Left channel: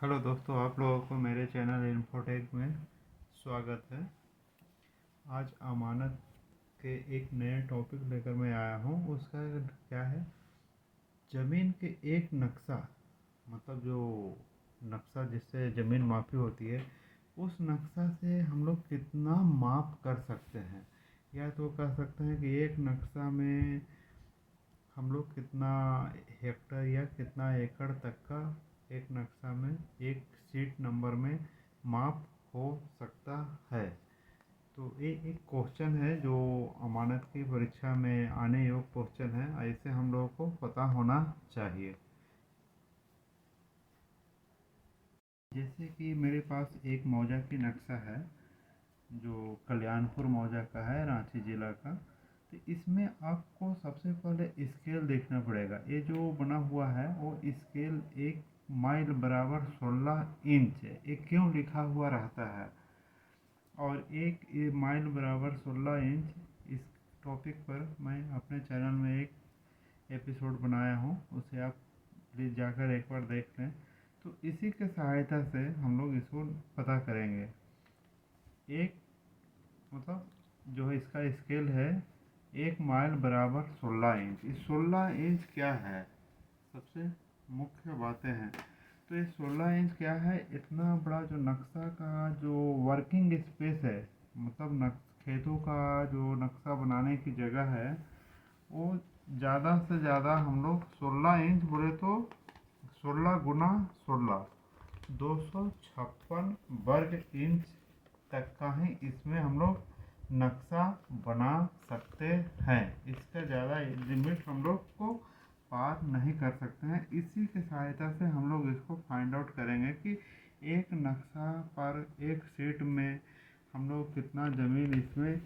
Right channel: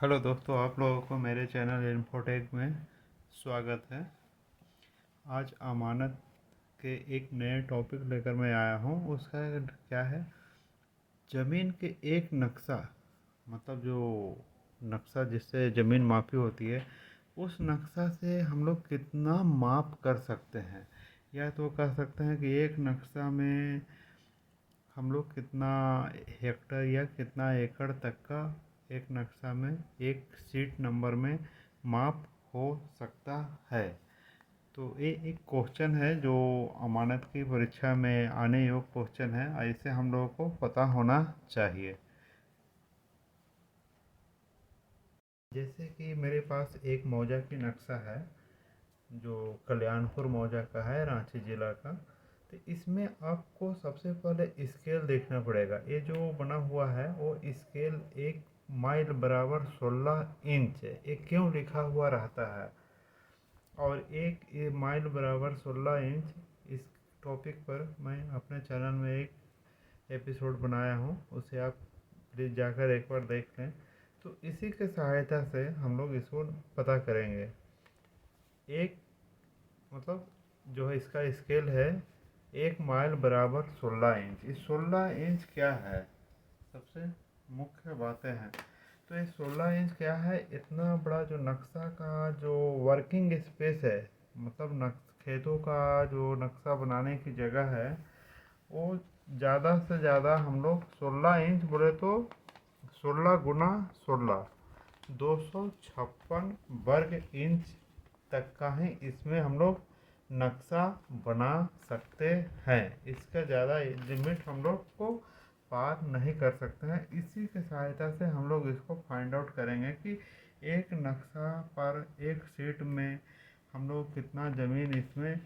Hello दोस्तों, आप लोगों को मेरे चैनल इन्फोटेक में स्वागत है। आज अमानत के एक नए टॉपिक लेकर मैं आया हूँ। उसका क्या है, ज़मीन के एक नक्शा, मतलब जो नक्शा जिससे ज़मीन मापी होती है, उस नक्शा से हम लोग कितना माप कर सकते हैं। या तो कह सकते हैं कि एक नक्शा में हम लोग कितना हेक्टर या कितना एकड़ तक का एक नक्शा में एक शीट नंबर में माप हो सकता है। तो ये एक क्वेश्चन है जो अमानत की परीक्षा में आने योग्य क्वेश्चन है। ऐसे हम लोगों को पता होना चाहिए। जैसे कि मेरे पास एक मौजा की नक्शा है जो कल्याणपुर मौजा का है, रांची ज़िला का। तो इसमें आपको सबसे पहले स्केल देखना पड़ेगा। ये जो बना हुआ है वो स्केल 1 माइल बराबर 16 इंच है। ये क्यों लिखा हुआ रहता है? और 1 माइल बराबर 16 इंच, इस टॉपिक पर मैं अपने चैनल में एक एपिसोड बनाया हूँ, उसे आप प्लीज़ जाकर एक बार देख लें। तो इसी के सहायता से हम लोग इसको पता करेंगे। एक मतलब जो है इसका स्केल है 1 माइल बराबर 16 इंच। इस 16 इंच क्या है, सबसे मुख्य बातें हैं। तो ये 16 इंच क्या है, इतना बड़ा जो नक्शा का जो वर्किंग स्पेस है, मतलब खेतों का जो नक्शा बनाने की जगह है, वो ज़्यादा से ज़्यादा हम लोग 16 इंच बोले तो 16 × 16 256 वर्ग इंच तक का ही इसमें हम लोग नक्शा बना सकते हैं। इसका ज़्यादा लिमिट हम लोग को पार नहीं कर सकते हैं। इसी के सहायता से हम लोग इसको फाइंड आउट करेंगे कि एक नक्शा पर एक शीट में हम लोग कितना ज़मीन इसमें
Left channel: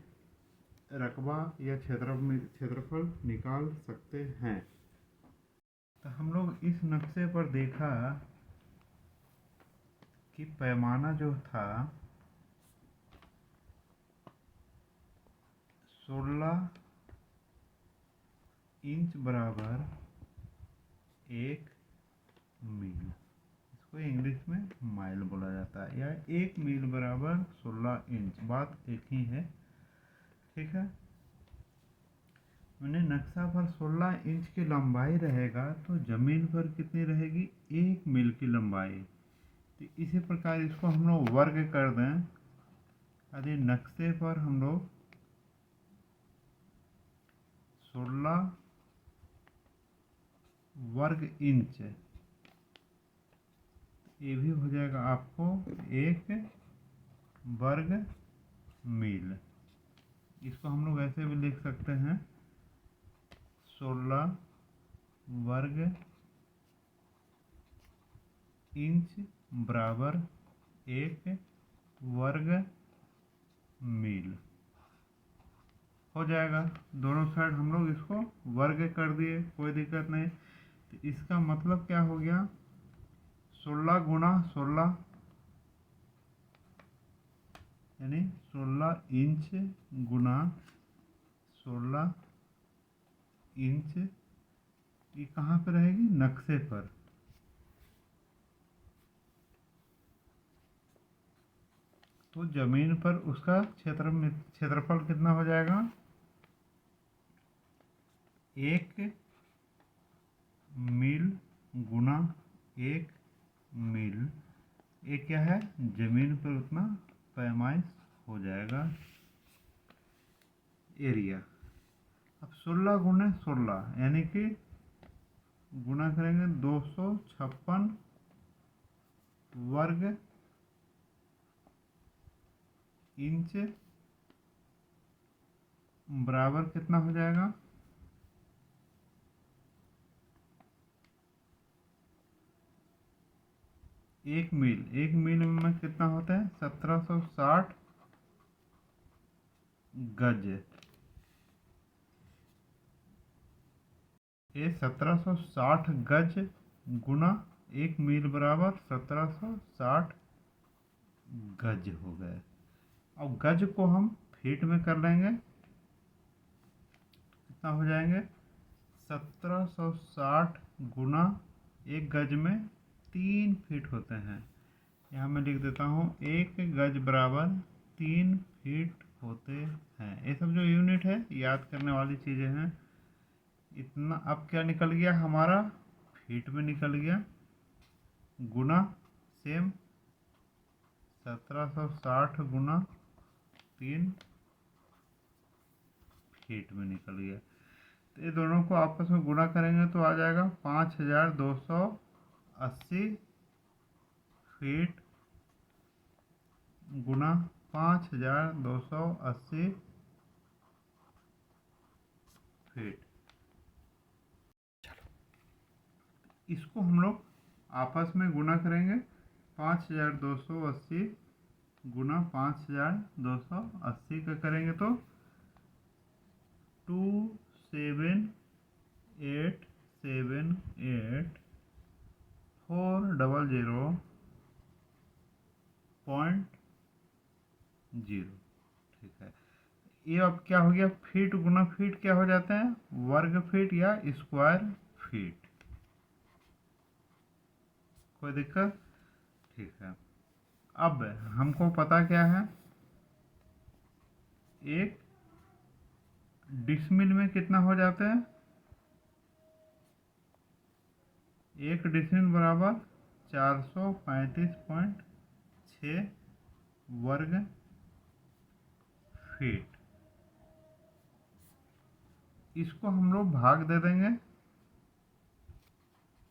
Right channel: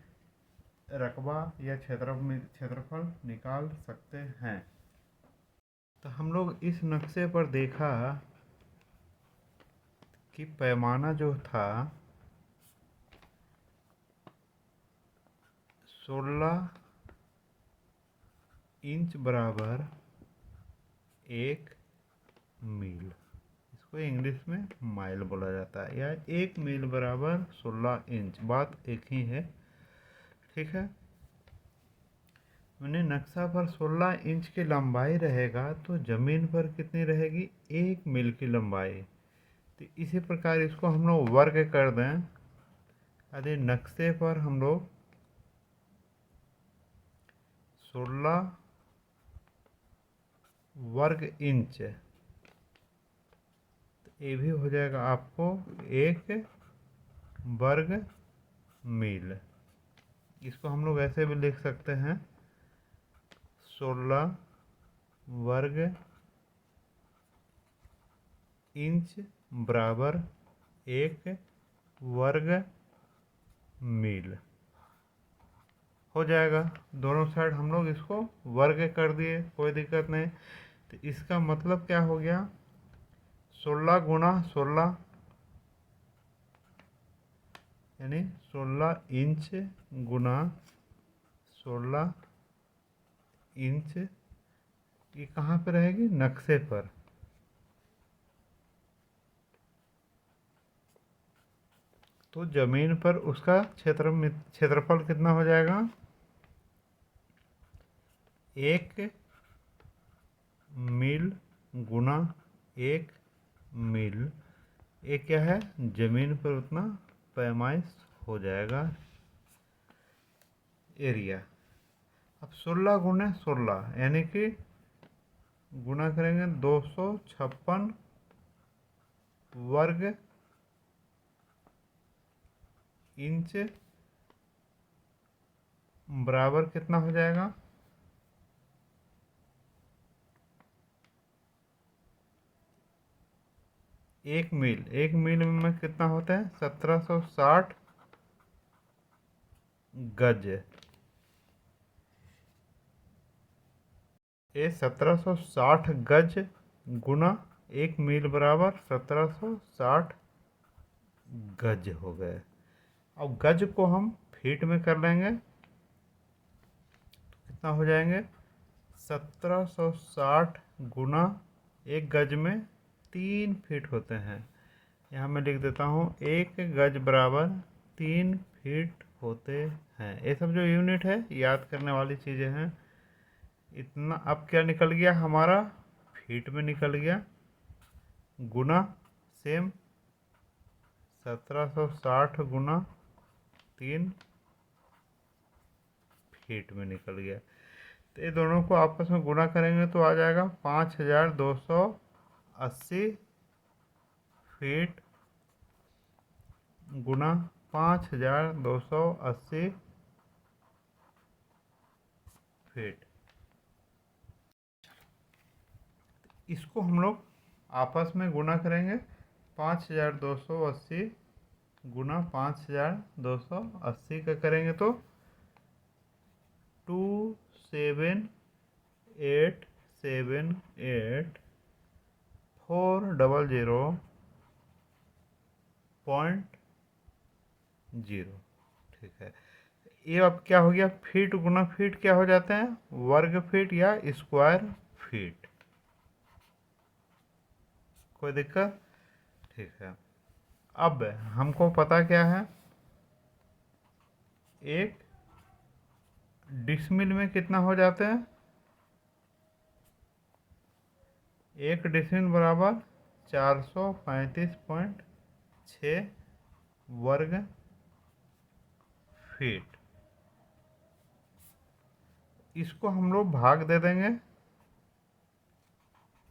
रकबा या क्षेत्रफल निकाल सकते हैं। तो हम लोग इस नक्शे पर देखा कि पैमाना जो था 16 इंच बराबर 1 मील। इसको इंग्लिश में माइल बोला जाता है, या 1 मील बराबर 16 इंच, बात एक ही है। ठीक है, मैंने नक्शा पर 16 इंच की लंबाई रहेगा तो ज़मीन पर कितनी रहेगी, 1 मील की लंबाई। तो इसी प्रकार इसको हम लोग वर्ग कर दें। यदि नक्शे पर हम लोग 16 वर्ग इंच, तो ये भी हो जाएगा आपको 1 वर्ग मील। इसको हम लोग ऐसे भी लिख सकते हैं, 16 वर्ग इंच बराबर 1 वर्ग मील हो जाएगा। दोनों साइड हम लोग इसको वर्ग कर दिए, कोई दिक्कत नहीं। तो इसका मतलब क्या हो गया, 16 × 16 यानी 16 इंच गुना 16 इंच। ये कहाँ पे रहेगी, नक्शे पर। तो जमीन पर उसका क्षेत्रफल कितना हो जाएगा, 1 मील गुना 1 मील। ये क्या है, जमीन पर उतना पैमाइश हो जाएगा एरिया। अब 16 × 16 यानी कि गुना करेंगे 256 वर्ग इंच बराबर कितना हो जाएगा, 1 मील। 1 मील में कितना होता है, 1760 गज। ये 1760 गज गुना 1 मील बराबर 1760 गज हो गए। अब गज को हम फीट में कर लेंगे, कितना हो जाएंगे, 1760 गुना 1 गज में 3 फीट होते हैं। यहाँ मैं लिख देता हूँ 1 गज बराबर 3 फीट होते हैं। ये सब जो यूनिट है याद करने वाली चीज़ें हैं। इतना अब क्या निकल गया हमारा, फीट में निकल गया, गुना सेम 1760 गुना 3 फीट में निकल गया। तो ये दोनों को आपस में गुना करेंगे तो आ जाएगा 5280 फीट गुना 5280 फीट। इसको हम लोग आपस में गुना करेंगे। 5280 गुना 5280 का करेंगे तो 278,400.0। ठीक है, ये अब क्या हो गया, फीट गुना फीट क्या हो जाते हैं, वर्ग फीट या स्क्वायर फीट। कोई दिक्कत? ठीक है, अब हमको पता क्या है, एक डिसमिल में कितना हो जाते हैं, 1 डिसमिल बराबर 435.6 वर्ग फीट। इसको हम लोग भाग दे देंगे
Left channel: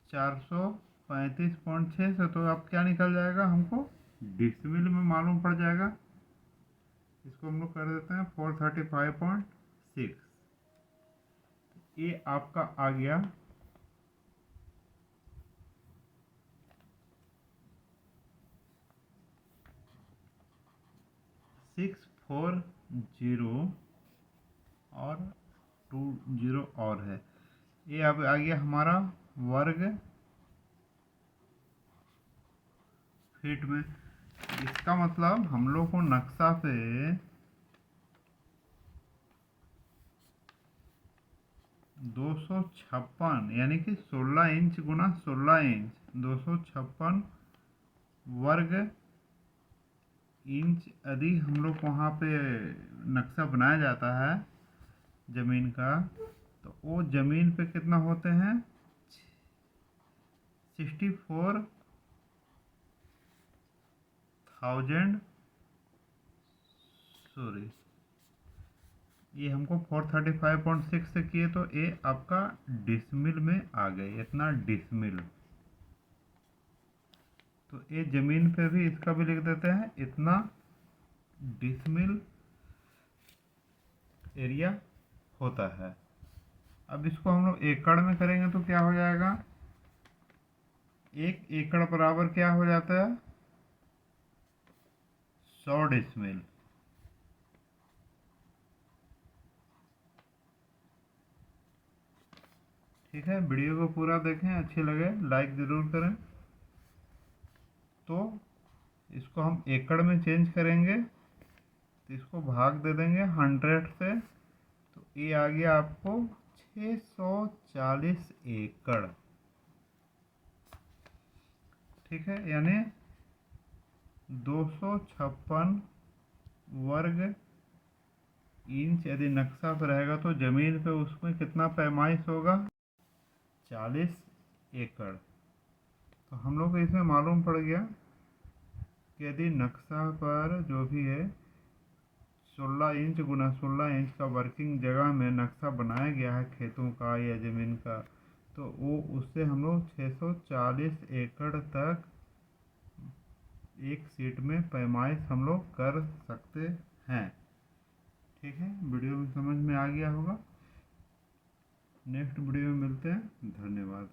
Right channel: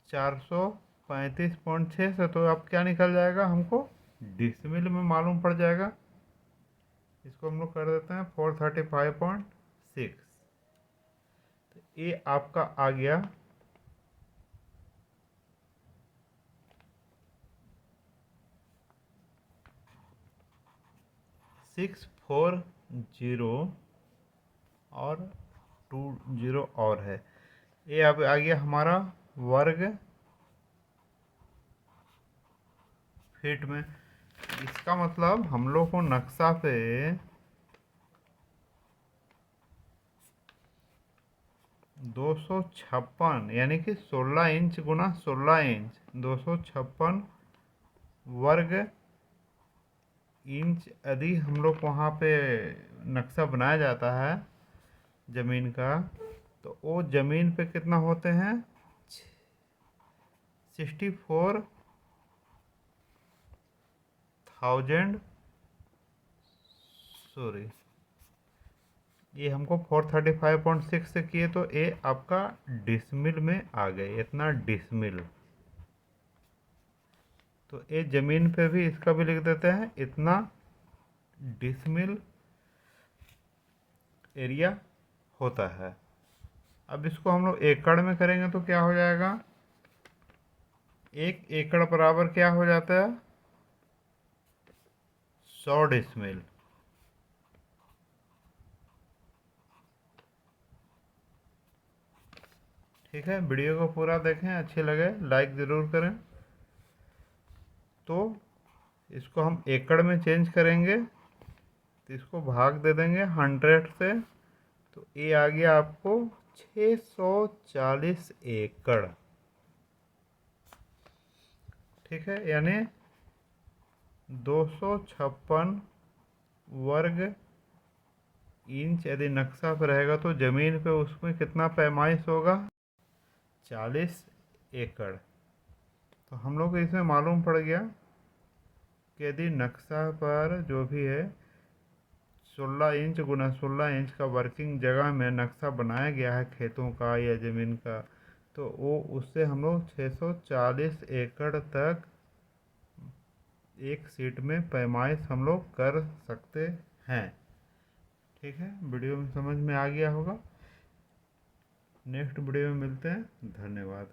435.6 से, तो अब क्या निकल जाएगा हमको, डिसमिल में मालूम पड़ जाएगा। इसको हम लोग कर देते हैं 435.6। ये आपका आ गया 640 और 20 और है। ये अब आ गया हमारा वर्ग फीट में। इसका मतलब हम लोग को नक्शा पे 256 यानी कि 16 इंच गुना 16 इंच 256 वर्ग इंच यदि हम लोग को वहाँ पे नक्शा बनाया जाता है ज़मीन का, तो वो ज़मीन पे कितना होते हैं, 64,000, सॉरी ये हमको 435.6 से किए तो ये आपका डिसमिल में आ गए, इतना डिसमिल। तो ये ज़मीन पे भी इसका भी लिख देते हैं, इतना डिसमिल एरिया होता है। अब इसको हम लोग एकड़ में करेंगे तो क्या हो जाएगा, 1 एकड़ बराबर क्या हो जाता है, 100 डिसमिल। ठीक है, वीडियो को पूरा देखें, अच्छे लगे लाइक ज़रूर करें। तो इसको हम एकड़ में चेंज करेंगे तो इसको भाग दे देंगे 100 से, तो ये आ गया आपको 640 एकड़। ठीक है, यानी 256 वर्ग इंच यदि नक्शा पर रहेगा तो ज़मीन पे उसमें कितना पैमाइश होगा, 40 एकड़। तो हम लोग को इसमें मालूम पड़ गया कि यदि नक्शा पर जो भी है 16 इंच गुना 16 इंच का वर्किंग जगह में नक्शा बनाया गया है खेतों का या ज़मीन का, तो वो उससे हम लोग 640 एकड़ तक एक सीट में पैमाइश हम लोग कर सकते हैं। ठीक है, वीडियो में समझ में आ गया होगा। नेक्स्ट वीडियो में मिलते हैं, धन्यवाद।